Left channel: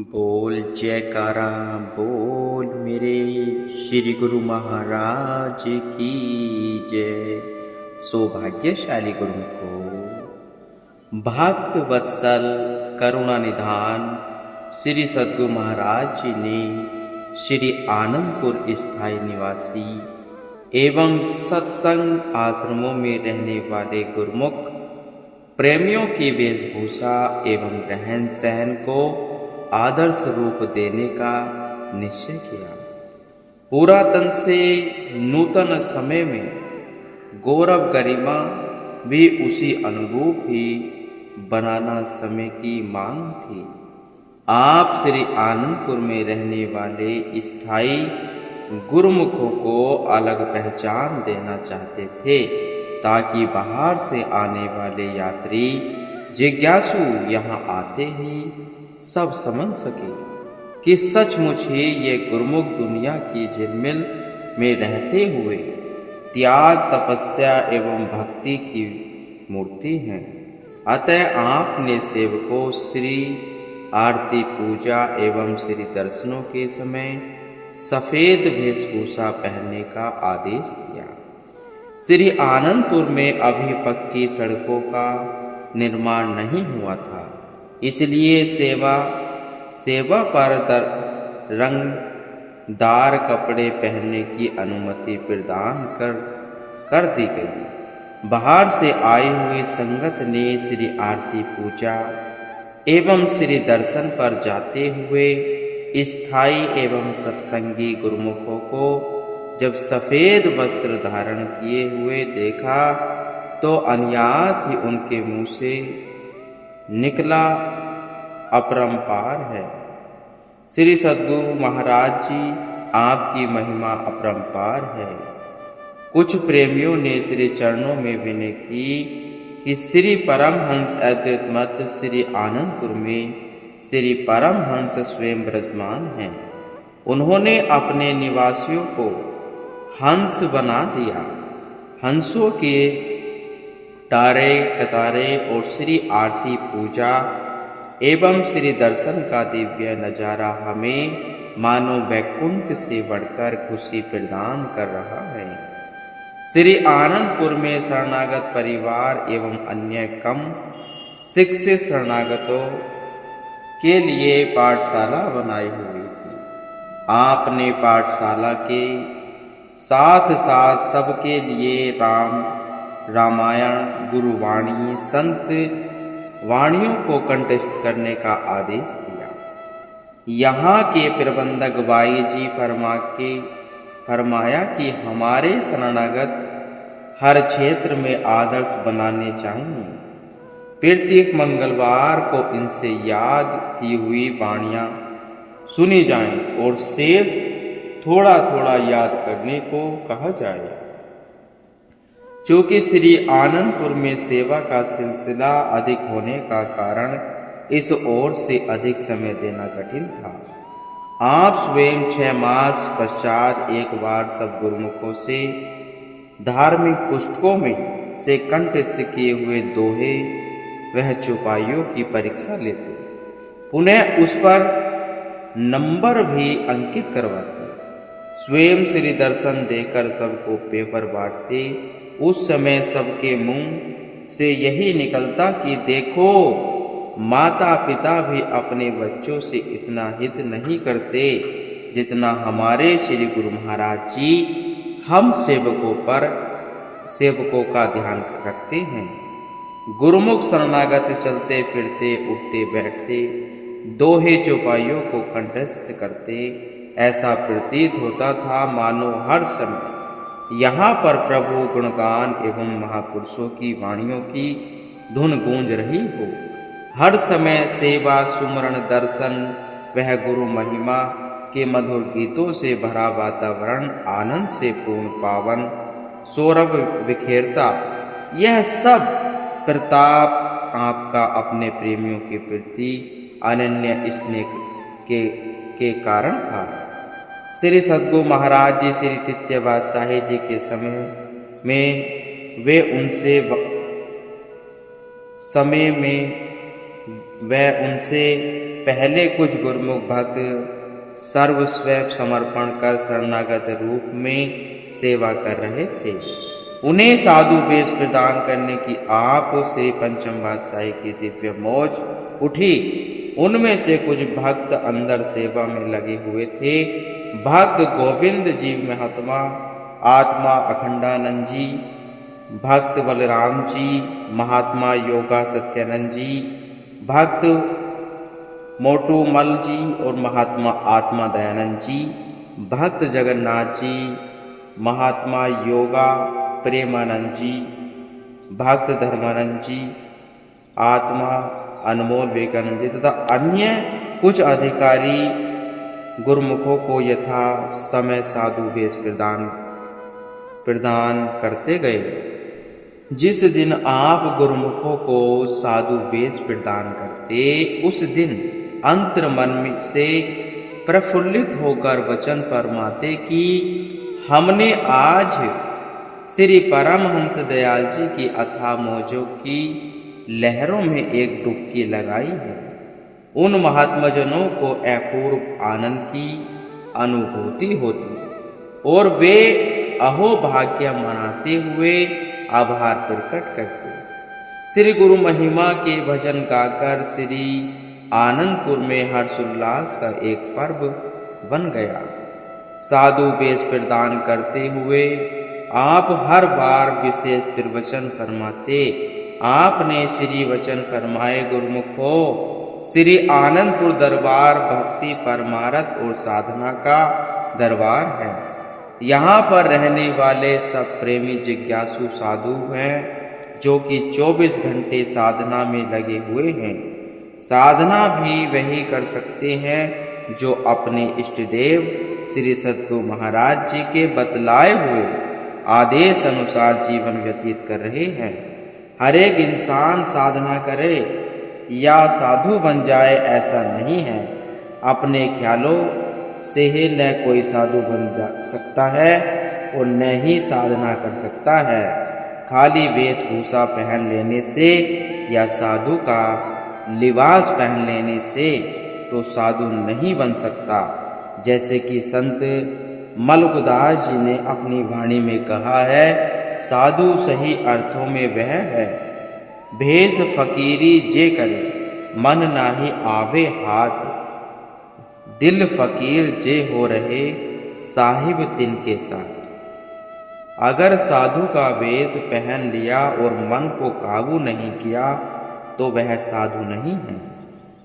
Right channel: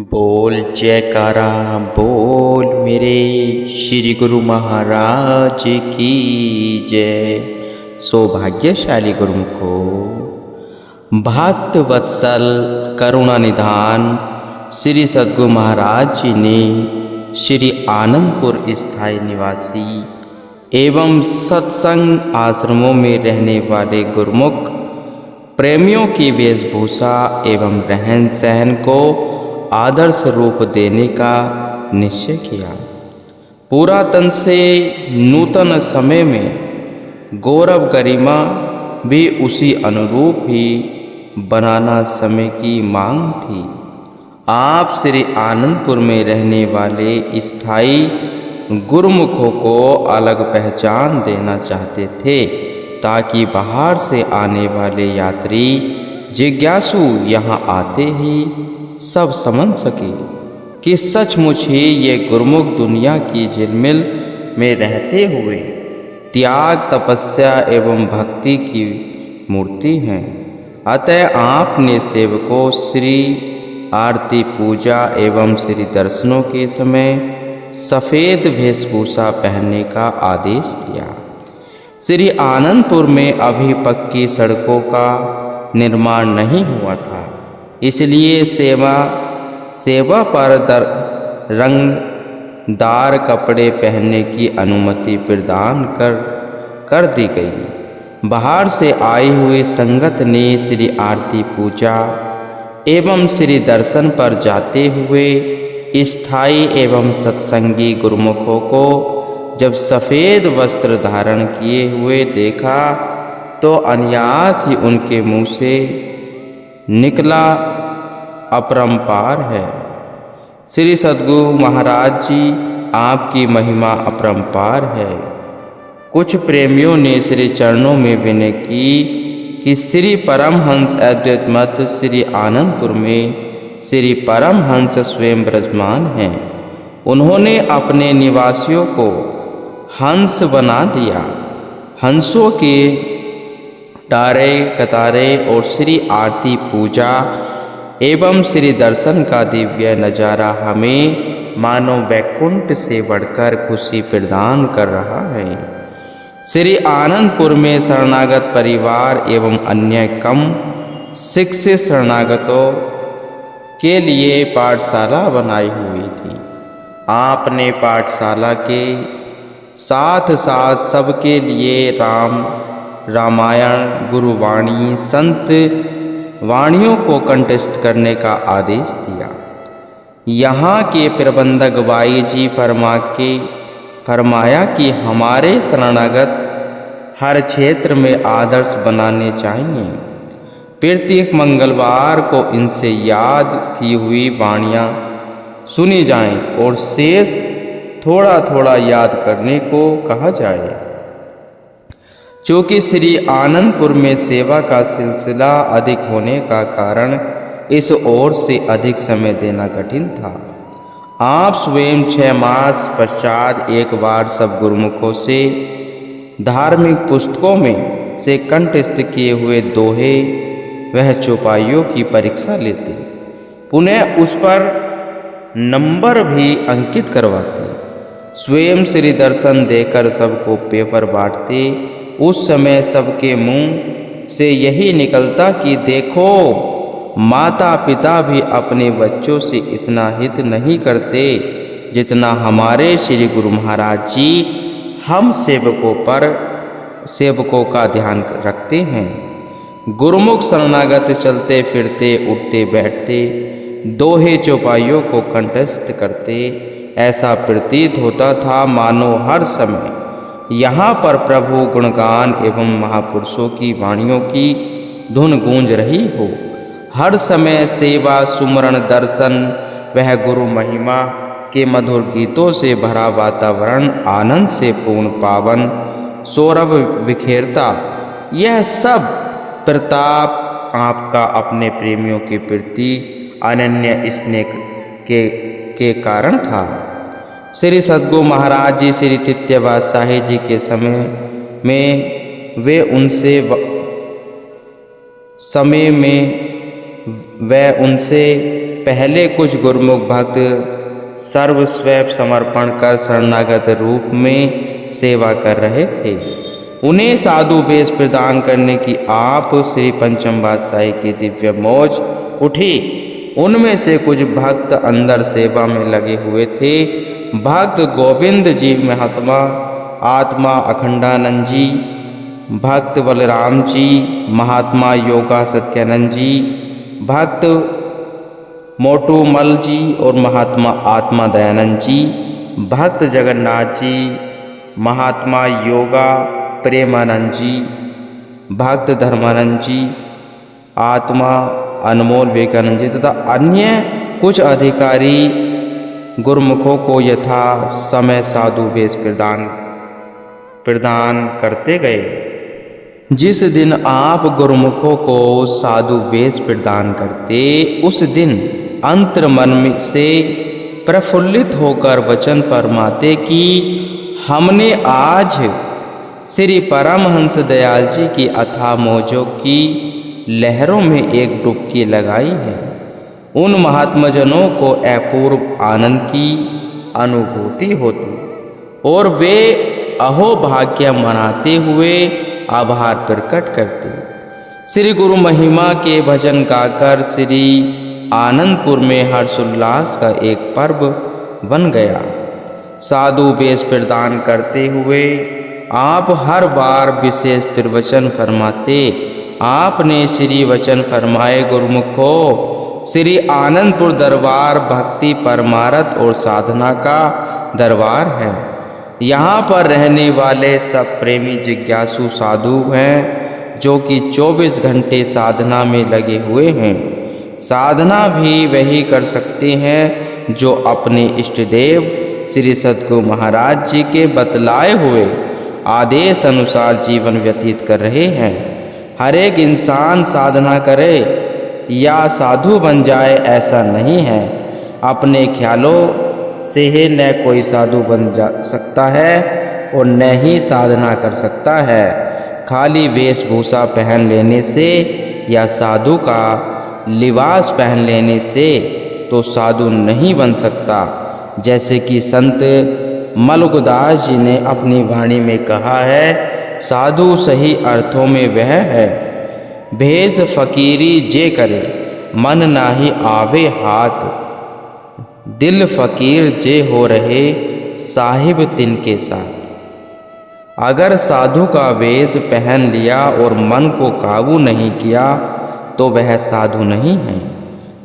बोल जयकारा बोल मेरे श्री गुरु महाराज की जय। सौभाग्यशाली गुरुमुखो, भक्त वत्सल करुणा निधान श्री सद्गुरु महाराज जी ने श्री आनंदपुर स्थायी निवासी एवं सत्संग आश्रमों में रहने वाले गुरुमुख प्रेमियों की वेशभूषा एवं रहन सहन को आदर्श रूप देने का निश्चय किया। पुरातन से नूतन समय में गौरव गरिमा भी उसी अनुरूप ही बनाना समय की मांग थी। आप श्री आनंदपुर में रहने वाले स्थायी गुरुमुखों को अलग पहचान देना चाहते थे ताकि बाहर से आने वाले यात्री जिज्ञासु यहाँ आते ही सब समझ सके कि सचमुच ही ये गुरुमुख दुनिया की झिलमिल में रहते हुए त्याग तपस्या एवं भक्ति की मूर्ति हैं। अतः आपने सेवकों श्री आरती पूजा एवं श्री दर्शनों के समय सफ़ेद वेशभूषा पहनने का आदेश दिया। श्री आनंदपुर में अभी पक्की सड़कों का निर्माण नहीं हुआ था, इसलिए सेवा पर रंगदार कपड़े पहनने की अनुमति प्रदान कर दी गई। बाहर से आई हुई संगत ने श्री आरती पूजा एवं श्री दर्शन पर जाते हुए स्थायी एवं सत्संगी गुरुमुखों को जब सफ़ेद वस्त्र धारण किए हुए देखा तो अनायास ही उनके मुंह से निकला अपरंपार है। श्री सद्गुरु महाराज जी, आपकी महिमा अपरंपार है। कुछ प्रेमियों ने श्री चरणों में विनय की कि श्री परमहंस अद्वैत मत श्री आनंदपुर में श्री परमहंस स्वयं विराजमान हैं। उन्होंने अपने निवासियों को हंस बना दिया। हंसों के टारे कतारे और श्री आरती पूजा एवं श्री दर्शन का दिव्य नज़ारा हमें मानो वैकुंठ से बढ़कर खुशी प्रदान कर रहा है। श्री आनंदपुर में शरणागत परिवार एवं अन्य कम शिक्षित शरणागतों के लिए पाठशाला बनाई हुई थी। आपने पाठशाला के साथ साथ सबके लिए रामायण गुरुवाणी संत वाणियों को कंठस्थ करने का आदेश दिया। यहाँ के प्रबंधक बाई जी फरमाया कि हमारे शरणागत हर क्षेत्र में आदर्श बनाने चाहिए। प्रत्येक मंगलवार को इनसे याद की हुई वाणियाँ सुनी जाएं और शेष थोड़ा थोड़ा याद करने को कहा जाए। चूँकि श्री आनंदपुर में सेवा का सिलसिला अधिक होने का कारण इस ओर से अधिक समय देना कठिन था। आप स्वयं 6 मास पश्चात एक बार सब गुरुमुखों से धार्मिक पुस्तकों में से कंठस्थ किए हुए दोहे वह चौपाइयों की परीक्षा लेते, पुनः उस पर नंबर भी अंकित करवाते, स्वयं श्री दर्शन देकर सबको पेपर बांटते। उस समय सबके मुंह से यही निकलता कि देखो, माता पिता भी अपने बच्चों से इतना हित नहीं करते जितना हमारे श्री गुरु महाराज जी हम सेवकों का ध्यान रखते हैं। गुरुमुख शरणागत चलते फिरते उठते बैठते दोहे चौपाइयों को कंठस्थ करते। ऐसा प्रतीत होता था मानो हर समय यहाँ पर प्रभु गुणगान एवं महापुरुषों की वाणियों की धुन गूंज रही हो। हर समय सेवा सुमरण दर्शन वह गुरु महिमा के मधुर गीतों से भरा वातावरण आनंद से पूर्ण पावन सौरभ बिखेरता। यह सब प्रताप आपका अपने प्रेमियों के प्रति अनन्य स्नेह के कारण था। श्री सद्गुरु महाराज जी श्री तित्यवा साहे जी के समय में वह उनसे पहले कुछ गुरुमुख भक्त सर्वस्व समर्पण कर शरणागत रूप में सेवा कर रहे थे। उन्हें साधु वेश प्रदान करने की आप श्री पंचम पातशाही की दिव्य मौज उठी। उनमें से कुछ भक्त अंदर सेवा में लगे हुए थे। भक्त गोविंद जी महात्मा आत्मा अखंडानंद जी, भक्त बलराम जी, महात्मा योगा सत्यानंद जी, भक्त मोटूमल जी और महात्मा आत्मा दयानंद जी, भक्त जगन्नाथ जी, महात्मा योगा प्रेमानंद जी, भक्त धर्मानंद जी, आत्मा अनमोल विवेकानंद जी तथा अन्य कुछ अधिकारी गुरुमुखों को यथा समय साधु वेश प्रदान करते गए। जिस दिन आप गुरुमुखों को साधु वेश प्रदान करते, उस दिन अंतर्मन में से प्रफुल्लित होकर वचन फरमाते कि हमने आज श्री परमहंस दयाल जी की अथाह मौजों की लहरों में एक डुबकी लगाई है। उन महात्माजनों को अपूर्व आनंद की अनुभूति होती और वे अहोभाग्य मनाते हुए आभार प्रकट करते। श्री गुरु महिमा के भजन गाकर श्री आनंदपुर में हर्षोल्लास का एक पर्व बन गया। साधु वेश प्रदान करते हुए आप हर बार विशेष प्रवचन फरमाते। आपने श्री वचन फरमाए, गुरुमुखों, श्री आनंदपुर दरबार भक्ति परमार्थ और साधना का दरबार है। यहाँ पर रहने वाले सब प्रेमी जिज्ञासु साधु हैं जो कि 24 घंटे साधना में लगे हुए हैं। साधना भी वही कर सकते हैं जो अपने इष्ट देव श्री सद्गुरु महाराज जी के बतलाए हुए आदेश अनुसार जीवन व्यतीत कर रहे हैं। हर एक इंसान साधना करे या साधु बन जाए ऐसा नहीं है। अपने ख्यालों से ही न कोई साधु बन जा सकता है और न ही साधना कर सकता है। खाली वेशभूषा पहन लेने से या साधु का लिबास पहन लेने से तो साधु नहीं बन सकता। जैसे कि संत मलुकदास जी ने अपनी वाणी में कहा है, साधु सही अर्थों में वह है, भेष फकीरी जे करे, मन नाही आवे हाथ, दिल फकीर जे हो रहे, साहिब तिनके साथ। अगर साधु का वेश पहन लिया और मन को काबू नहीं किया तो वह साधु नहीं है।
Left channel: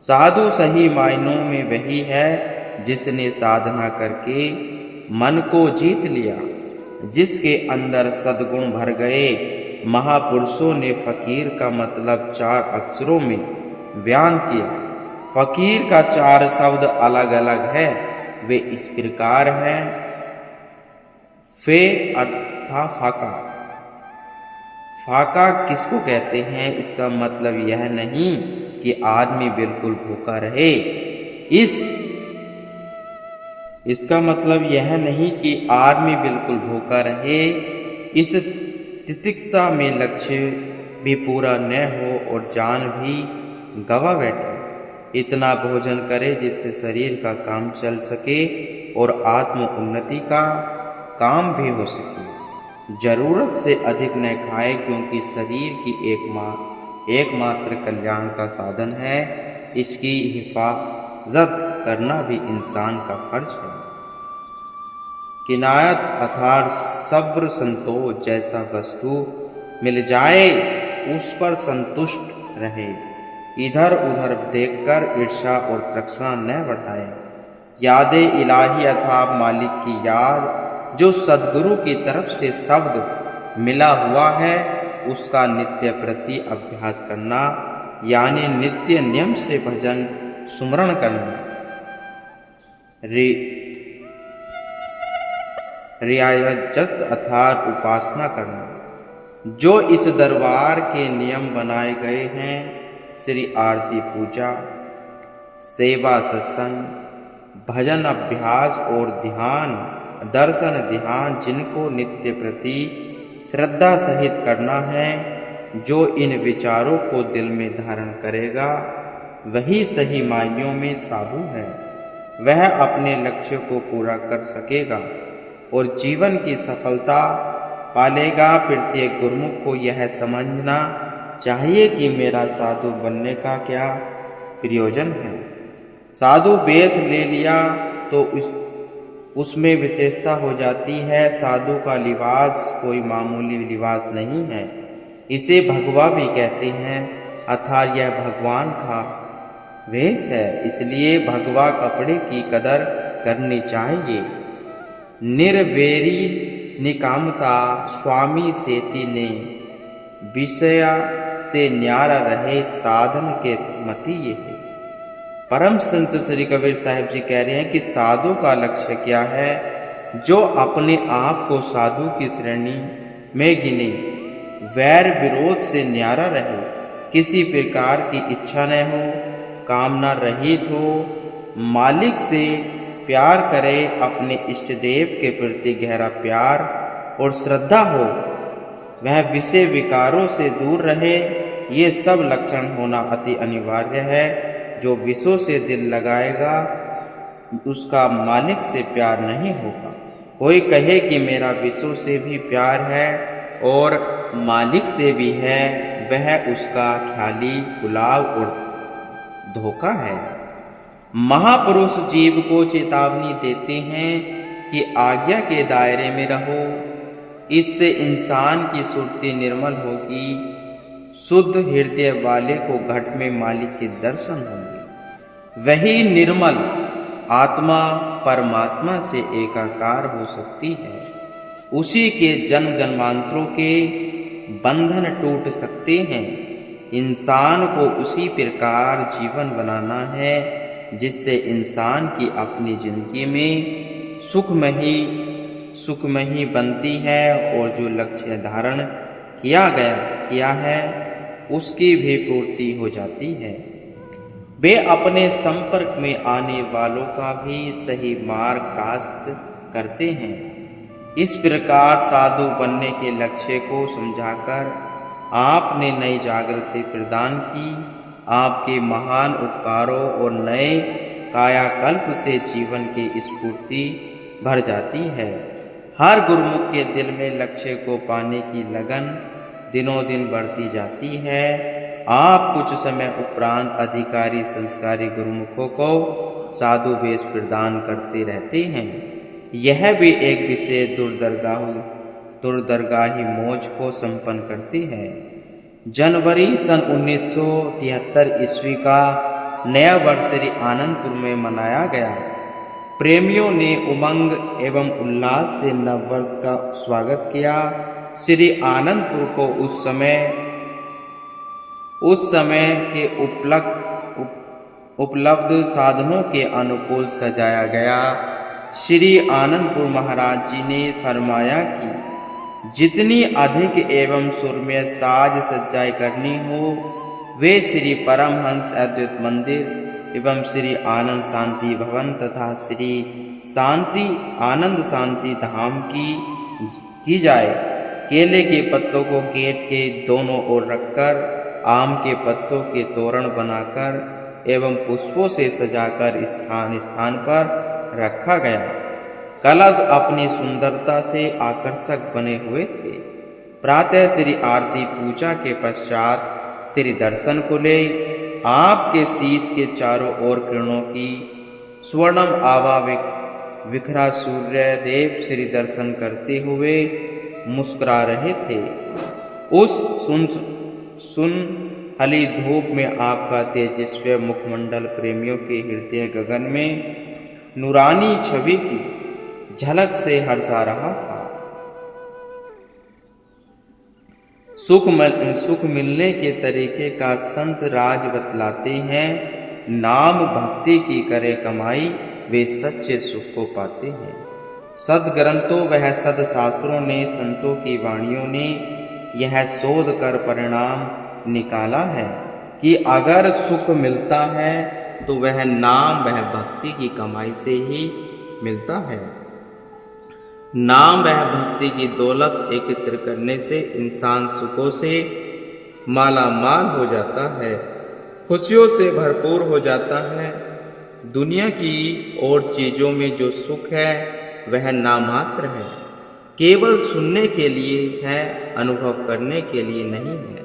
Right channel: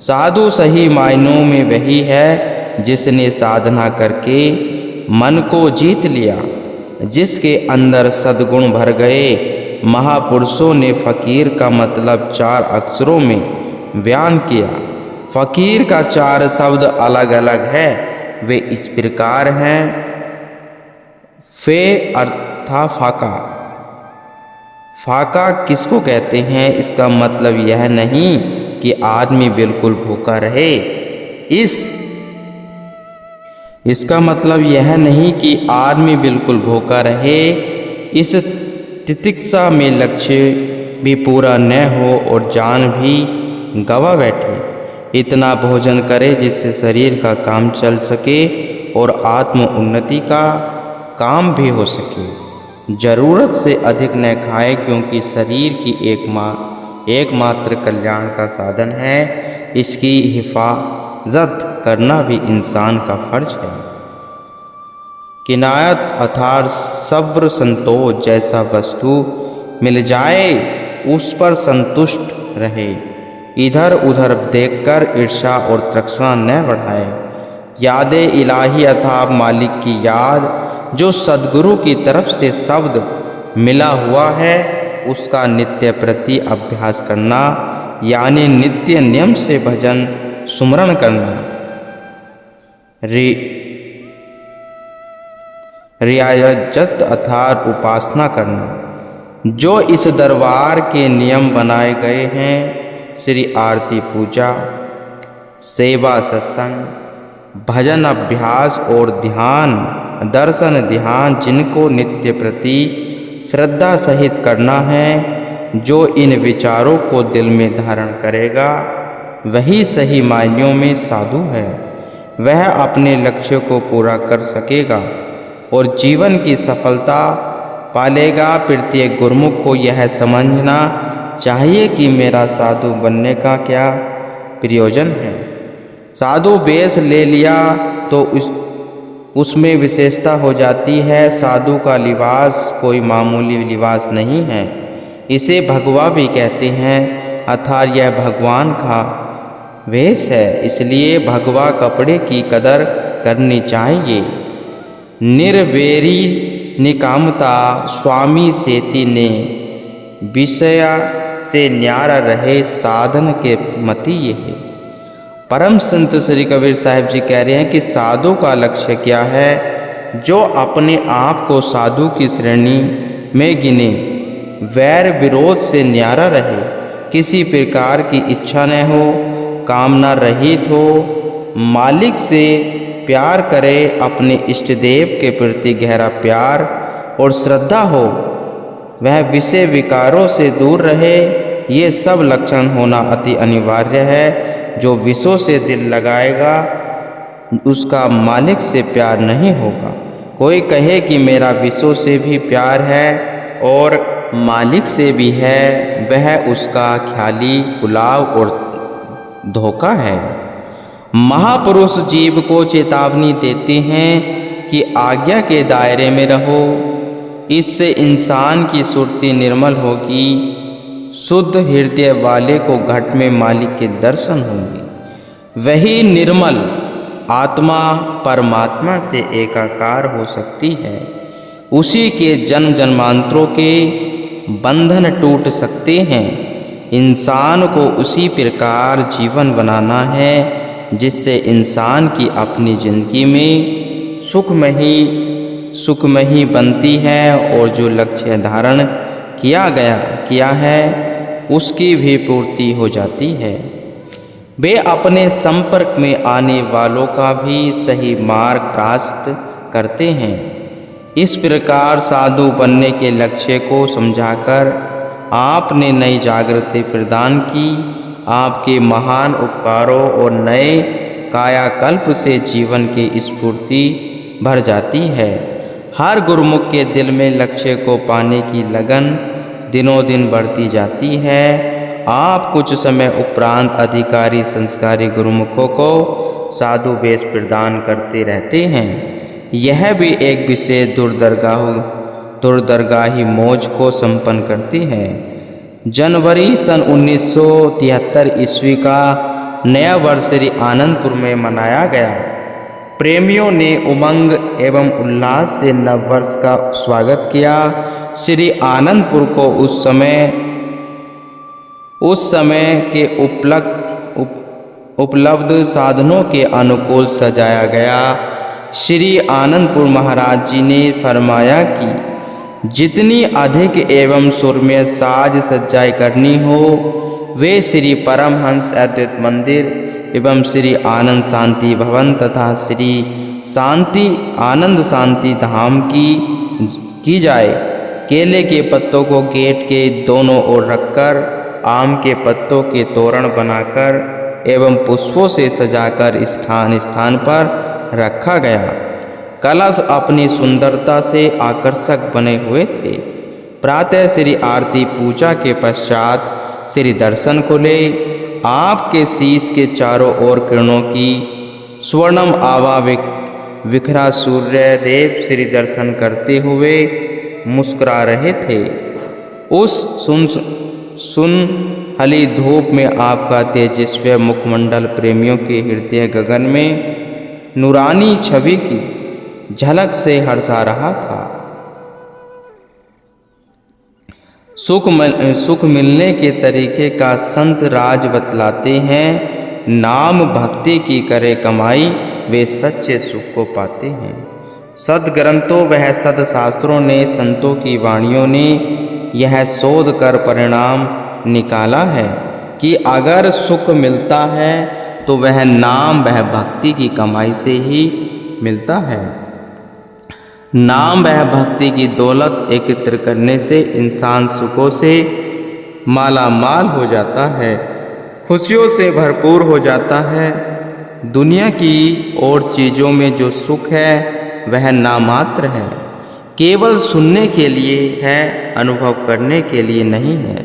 साधु सही मायनों में वही है जिसने साधना करके मन को जीत लिया, जिसके अंदर सद्गुण भर गए। महापुरुषों ने फकीर का मतलब 4 अक्षरों में बयान किया। फकीर का 4 शब्द अलग अलग है। वे इस प्रकार हैं। फे अर्था फाका। फाका किसको कहते हैं? इसका मतलब यह नहीं कि आदमी बिल्कुल भूखा रहे। इसका मतलब यह नहीं कि आदमी बिल्कुल भूखा रहे। इस तितिक्षा में लक्ष्य भी पूरा न हो और जान भी गवा बैठे। इतना भोजन करे जिससे शरीर का काम चल सके और आत्म उन्नति का काम भी हो सके। जरूरत से अधिक न खाए, क्योंकि शरीर की एकमात्र कल्याण का साधन है। इसकी हिफाजत करना भी इंसान का फर्ज है। किनायत अर्थात सब्र संतोष, जैसा वस्तु मिल जाए उस पर संतुष्ट रहे। इधर उधर देखकर ईर्ष्या और तृष्णा न बढ़ाए। याद इलाही अर्थात मालिक की याद, जो सद्गुरु की तरफ से शब्द मिला हुआ है, उसका नित्य प्रति अभ्यास करना, यानी नित्य नियम से भजन सुमरण करना, रियाजत अर्थात उपासना करना। जो इस दरबार के नियम बनाए गए हैं, श्री आरती पूजा, सेवा सत्संग, भजन अभ्यास और ध्यान दर्शन ध्यान, जिनको नित्य प्रति श्रद्धा सहित करना है, जो इन विचारों को दिल में धारण करेगा वही सही मायनों में साधु है। वह अपने लक्ष्य को पूरा कर सकेगा और जीवन की सफलता पालेगा। प्रत्येक गुरुमुख को यह समझना चाहिए कि मेरा साधु बनने का क्या प्रयोजन है। साधु वेश ले लिया तो उसमें विशेषता हो जाती है। साधु का लिबास कोई मामूली लिबास नहीं है, इसे भगवा भी कहते हैं, अर्थात यह भगवान का वेश है। इसलिए भगवा कपड़े की कदर करनी चाहिए। निर्वेरी निकामता स्वामी सेति ने विषय से न्यारा रहे साधन के मति ये है। परम संत श्री कबीर साहिब जी कह रहे हैं कि साधु का लक्ष्य क्या है? जो अपने आप को साधु की श्रेणी में गिने, वैर विरोध से न्यारा रहे, किसी प्रकार की इच्छा न हो, कामना रहित हो, मालिक से प्यार करे, अपने इष्ट देव के प्रति गहरा प्यार और श्रद्धा हो, वह विषय विकारों से दूर रहे। ये सब लक्षण होना अति अनिवार्य है। जो विषयों से दिल लगाएगा उसका मालिक से प्यार नहीं होगा। कोई कहे कि मेरा विषयों से भी प्यार है और मालिक से भी है, वह उसका ख्याली पुलाव और धोखा है। महापुरुष जीव को चेतावनी देते हैं कि आज्ञा के दायरे में रहो, इससे इंसान की सुरती निर्मल होगी। शुद्ध हृदय वाले को घट में मालिक के दर्शन होंगे। वही निर्मल आत्मा परमात्मा से एकाकार हो सकती है। उसी के जन्म जन्मांतरों के बंधन टूट सकते हैं। इंसान को उसी प्रकार जीवन बनाना है जिससे इंसान की अपनी जिंदगी में सुखमयी बनती है और जो लक्ष्य धारण किया है उसकी भी पूर्ति हो जाती है। वे अपने संपर्क में आने वालों का भी सही मार्ग प्राप्त करते हैं। इस प्रकार साधु बनने के लक्ष्य को समझाकर आपने नई जागृति प्रदान की। आपके महान उपकारों और नए कायाकल्प से जीवन की स्फूर्ति भर जाती है। हर गुरुमुख के दिल में लक्ष्य को पाने की लगन दिनों दिन बढ़ती जाती है। आप कुछ समय उपरांत अधिकारी संस्कारी गुरुमुखों को साधु वेश प्रदान करते रहते हैं। यह भी एक विशेष दुर्दरगाही मौज को संपन्न करती है। जनवरी सन 1973 ईस्वी का नया वर्ष श्री आनंदपुर में मनाया गया। प्रेमियों ने उमंग एवं उल्लास से नववर्ष का स्वागत किया। श्री आनंदपुर को उस समय के उपलब्ध साधनों के अनुकूल सजाया गया। श्री आनंदपुर महाराज जी ने फरमाया कि जितनी अधिक एवं सुरम्य साज सज्जाई करनी हो, वे श्री परमहंस अद्वैत मंदिर एवं श्री आनंद शांति भवन तथा श्री आनंद शांति धाम की जाए। केले के पत्तों को गेट के दोनों ओर रखकर, आम के पत्तों के तोरण बनाकर एवं पुष्पों से सजाकर स्थान स्थान पर रखा गया। कलश अपनी सुंदरता से आकर्षक बने हुए थे। प्रातः श्री आरती पूजा के पश्चात श्री दर्शन खुले। आपके शीश के चारों ओर किरणों की स्वर्णम आभा विखरा सूर्य देव श्री दर्शन करते हुए मुस्कुरा रहे थे। उस सुनहली धूप में आपका तेजस्वी मुखमंडल प्रेमियों के हृदय गगन में नूरानी छवि की झलक से हर्षा रहा था। सुख मिलने के तरीके का संत राज बतलाते हैं। नाम भक्ति की करे कमाई, वे सच्चे सुख को पाते हैं। सदग्रंथों वह सदशास्त्रों ने, संतों की वाणियों ने यह शोध कर परिणाम निकाला है कि अगर सुख मिलता है तो वह नाम वह भक्ति की कमाई से ही मिलता है। नाम वह भक्ति की दौलत एकत्र करने से इंसान सुखों से माला माल हो जाता है। खुशियों से भरपूर हो जाता है। दुनिया की और चीज़ों में जो सुख है वह नामात्र है, केवल सुनने के लिए है, अनुभव करने के लिए नहीं है।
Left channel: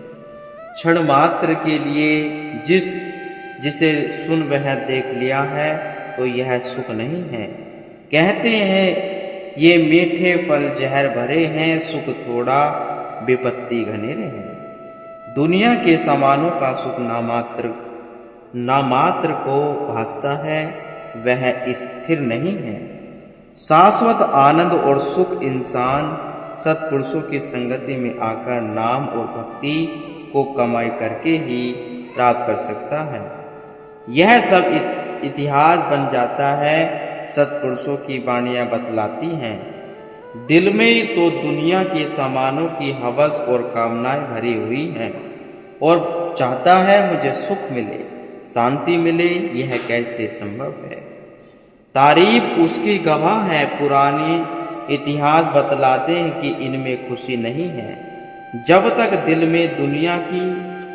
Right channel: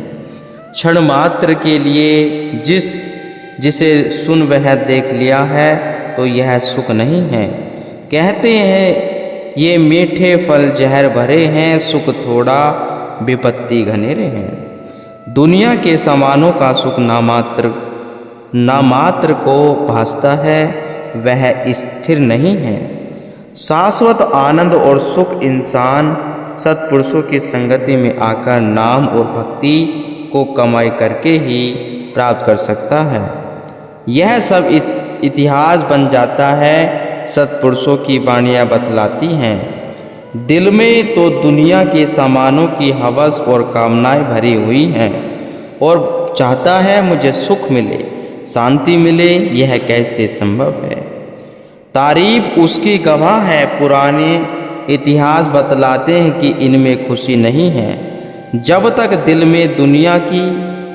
क्षण मात्र के लिए जिसे सुन वह देख लिया है तो यह सुख नहीं है। कहते हैं ये मीठे फल जहर भरे हैं, सुख थोड़ा विपत्ति घनेरे हैं। दुनिया के सामानों का सुख नामात्र को भासता है, वह स्थिर नहीं है। शाश्वत आनंद और सुख इंसान सत्पुरुषों की संगति में आकर नाम और भक्ति को कमाई करके ही प्राप्त कर सकता है। यह सब इतिहास बन जाता है, सत्पुरुषों की वाणियाँ बतलाती हैं। दिल में तो दुनिया के सामानों की हवस और कामनाएं भरी हुई हैं और चाहता है मुझे सुख मिले, शांति मिले। यह कैसे संभव है? तारीफ उसकी गवाह है, पुराने इतिहास बतलाते हैं कि इनमें खुशी नहीं है। जब तक दिल में दुनिया की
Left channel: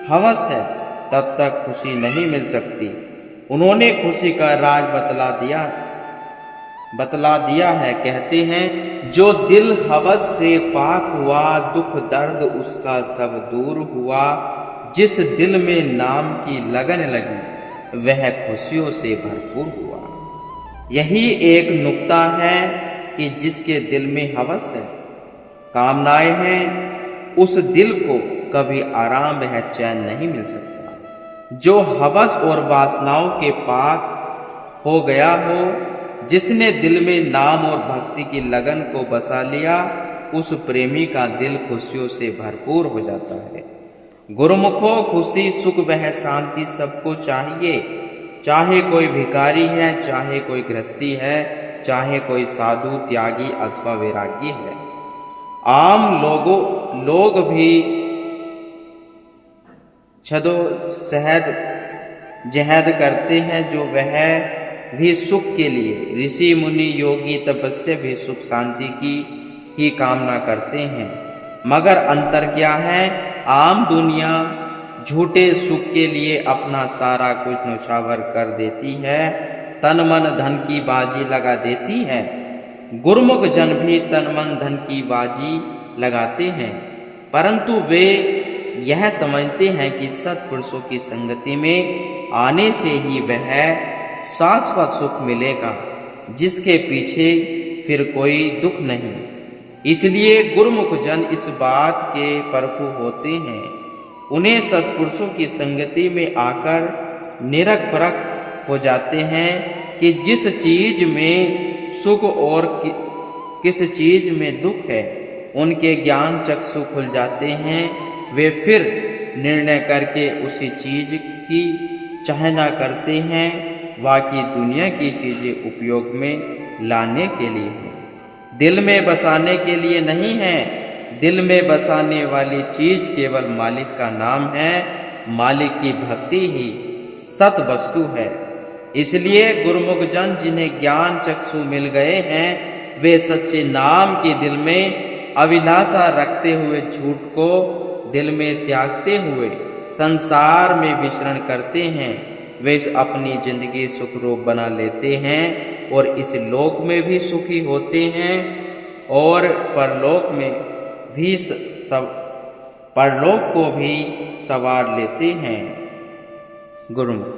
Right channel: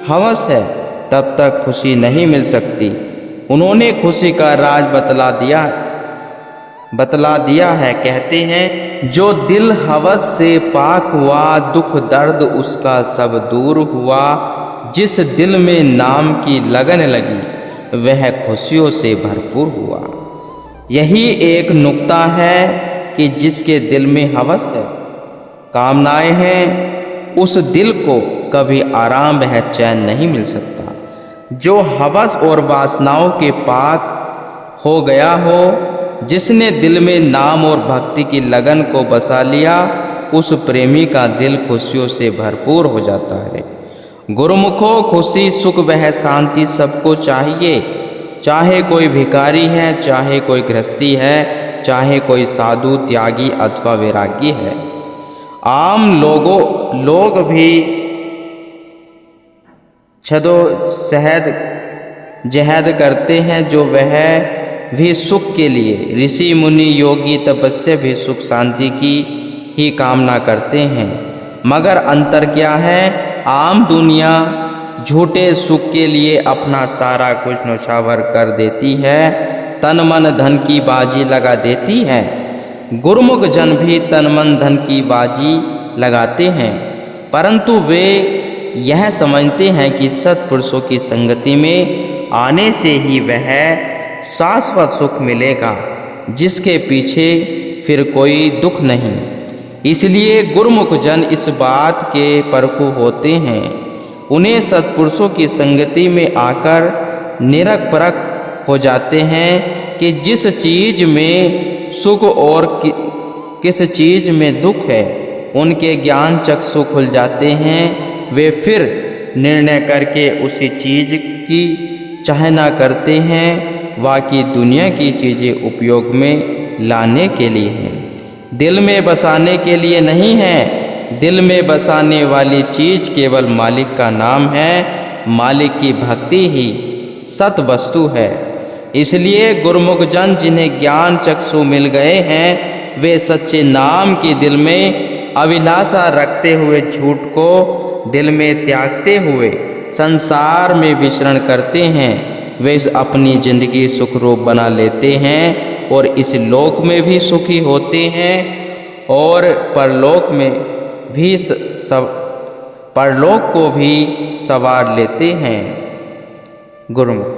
हवस है तब तक खुशी नहीं मिल सकती। उन्होंने खुशी का राज बतला दिया है। कहते हैं जो दिल हवस से पाक हुआ, दुख दर्द उसका सब दूर हुआ। जिस दिल में नाम की लगन लगी वह खुशियों से भरपूर हुआ। यही एक नुक्ता है कि जिसके दिल में हवस है, कामनाएं हैं, उस दिल को कभी आराम व चैन नहीं मिल सकता। जो हवस और वासनाओं के पाक हो गया हो, जिसने दिल में नाम और भक्ति की लगन को बसा लिया, उस प्रेमी का दिल खुशियों से भरपूर हो जाता है। गुरुमुखों, खुशी सुख वह शांति सबको चाहिए, चाहे कोई भिखारी है, चाहे कोई गृहस्थी है, चाहे कोई साधु त्यागी अथवा वैरागी है। आम लोग भी जहद करते हैं जो वह भी सुख के लिए। ऋषि मुनि योगी तपस्या भी सुख शांति की ही कामना करते हैं, मगर अंतर क्या है? आम दुनिया झूठे सुख के लिए अपना सारा कुछ न्यौछावर कर देती है, तन मन धन की बाजी लगा देती है। गुरुमुख जन भी तन मन धन की बाजी लगाते हैं, परंतु वे यह समझते हैं कि सत्पुरुषों की संगति में आने से ही वह शाश्वत सुख मिलेगा, जिसके पीछे फिर कोई दुख नहीं। इसलिए गुरुमुख जन इस बात के परखू होते हैं। उन्हें सत्पुरुषों की संगति में आकर निरख परख हो जाते हैं कि जिस चीज में सुख और किस चीज में दुख है। उनके ज्ञान चक्षु खुल जाते हैं। वे फिर निर्णय करके उसी चीज की चाहना करते हैं, बाकी दुनिया की चीजें उपयोग में लाने के लिए हैं, दिल में बसाने के लिए नहीं है। दिल में बसाने वाली चीज केवल मालिक का नाम है। मालिक की भक्ति ही सत वस्तु है। इसलिए गुरुमुख जन जिन्हें ज्ञान चक्षु मिल गए हैं, वे सच्चे नाम की दिल में अभिलाषा रखते हुए झूठ को दिल में त्यागते हुए संसार में विचरण करते हैं। वे अपनी जिंदगी सुखरूप बना लेते हैं और इस लोक में भी सुखी होते हैं और परलोक को भी संवार लेते हैं। गुरुमुख।